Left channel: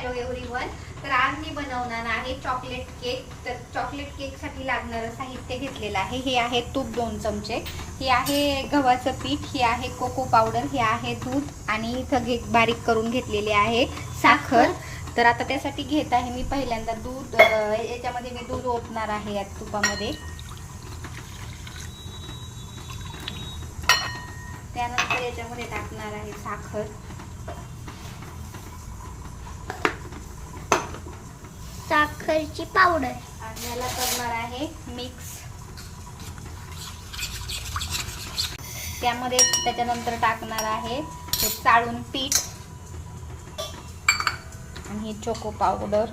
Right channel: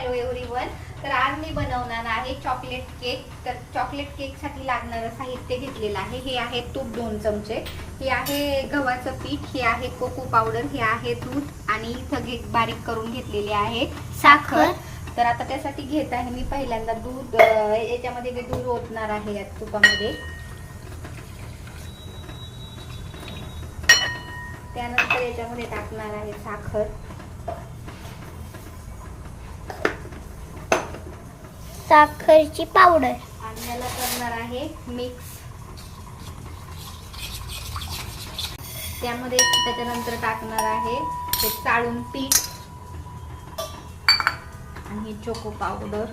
Hello everyone. तर आज मी बनवणार आहे चॉकलेट केक. तर चॉकलेट केक साठी लागणारं साहित्य घेतलेलं आहे. हे आहे तूप 2 चमचे, हे आहे गव्हाचं पीठ, हे आहे कोको पावडर, हे आहे दूध आणि इथं बारीक करून घेतलेले आहे साखर. तर आता त्यासाठी घेत आहे मी पहिल्यांदा दूध. याच्यामध्ये मी दूध ओतणार आहे या तुपामध्ये. त्यानंतर याच्यामध्ये टाकणार आहे साखर. साखरची पावडर आणि याला करणार आहे मिक्स. त्यामध्ये त्याच्यानंतर टाकणार आहे हे चाळून पीठ आणि चोको पावडर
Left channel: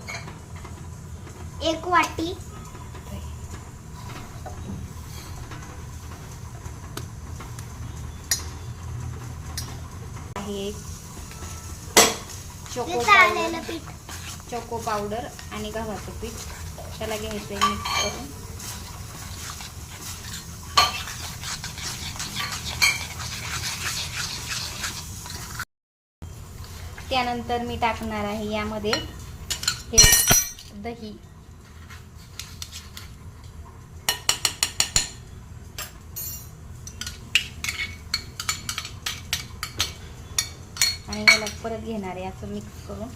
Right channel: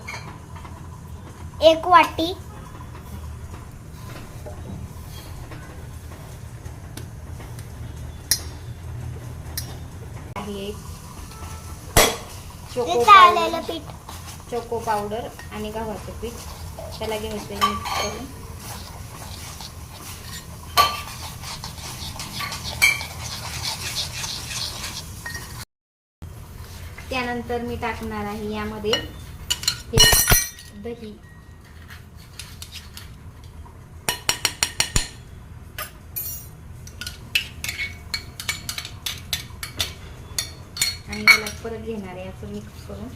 1 वाटी. चाळलेलं पीठ, चोको पावडर आणि गव्हाचं पीठ त्याला घ्यायचं मिक्स करून. त्यानंतर मी टाकणार आहे यामध्ये हे दही. आणि याला परत घेणार आहे असं मिक्स करून.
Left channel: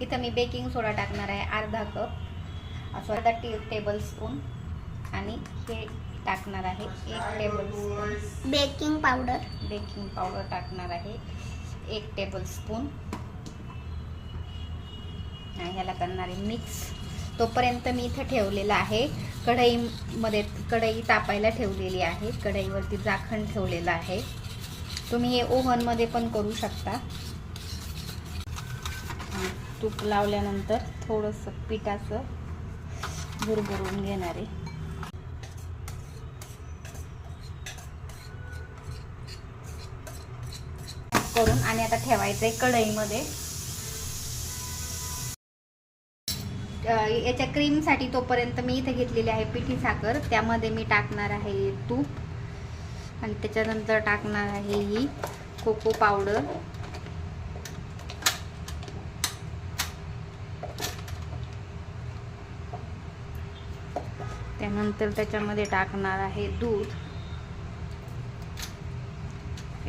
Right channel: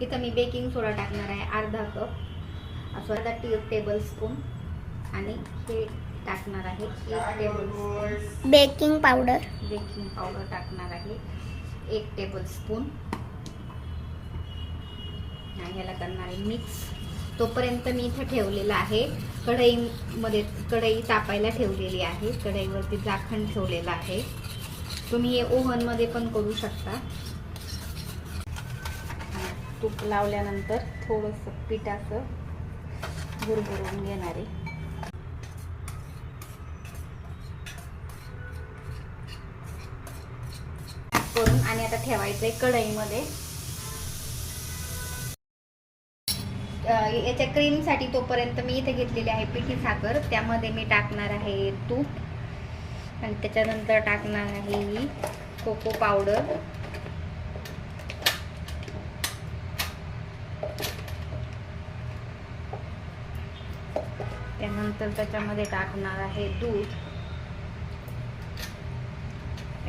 इथं मी बेकिंग सोडा टाकणार आहे अर्धा कप, असं अर्धा टेबल स्पून. आणि हे टाकणार आहे 1 table baking powder. Baking powder टाकणार आहे 1 टेबल स्पून. आणि ह्याला करणार आहे मिक्स. तोपर्यंत मी इथं ठेवलेलं आहे कढईमध्ये, कढई तापायला ठेवलेली आहे. कढईवरती झाकण ठेवलेलं आहे. तुम्ही हे ओव्हनमध्ये पण करू शकता. तूप लावल्यानंतर थोडंसं पिठाचं गुरगुरून घेणारे करून. आणि आता ठेवायचंय कढईमध्ये. याच्या क्रीम साठी तोपर्यंत मी इथे घेतलेली आहे पिठी साखर. त्यामध्ये मी टाकणार आहे तूप आणि त्याच्यानंतर टाकणार आहे ही कोको पावडर. त्यानंतर त्याच्यामध्ये टाकणार आहे दूध.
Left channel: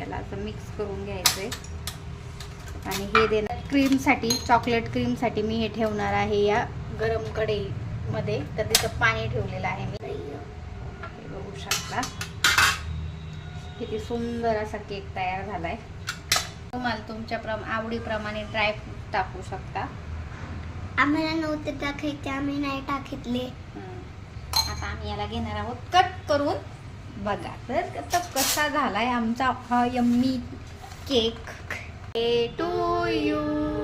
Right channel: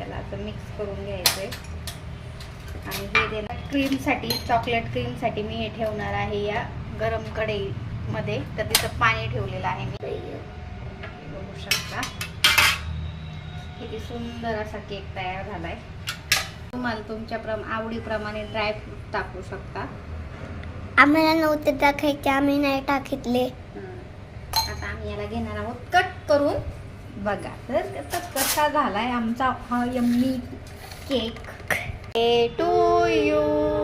याला असं मिक्स करून घ्यायचंय. आणि हे देणार क्रीम साठी, चॉकलेट क्रीम साठी मी हे ठेवणार आहे या गरम कढईमध्ये. तर तिथं पाणी ठेवलेलं आहे मी, बघू शकता. किती सुंदर असा केक तयार झालाय. तुम्हाला तुमच्या आवडीप्रमाणे ड्रायफ्रूट टाकू शकता. आम्हाला नव्हते टाकायचे, आम्ही नाही टाकितले. आता आम्ही याला घेणार आहोत कट करून. बघा तर कसा झालाय आमचा हा यम्मी केक. To you.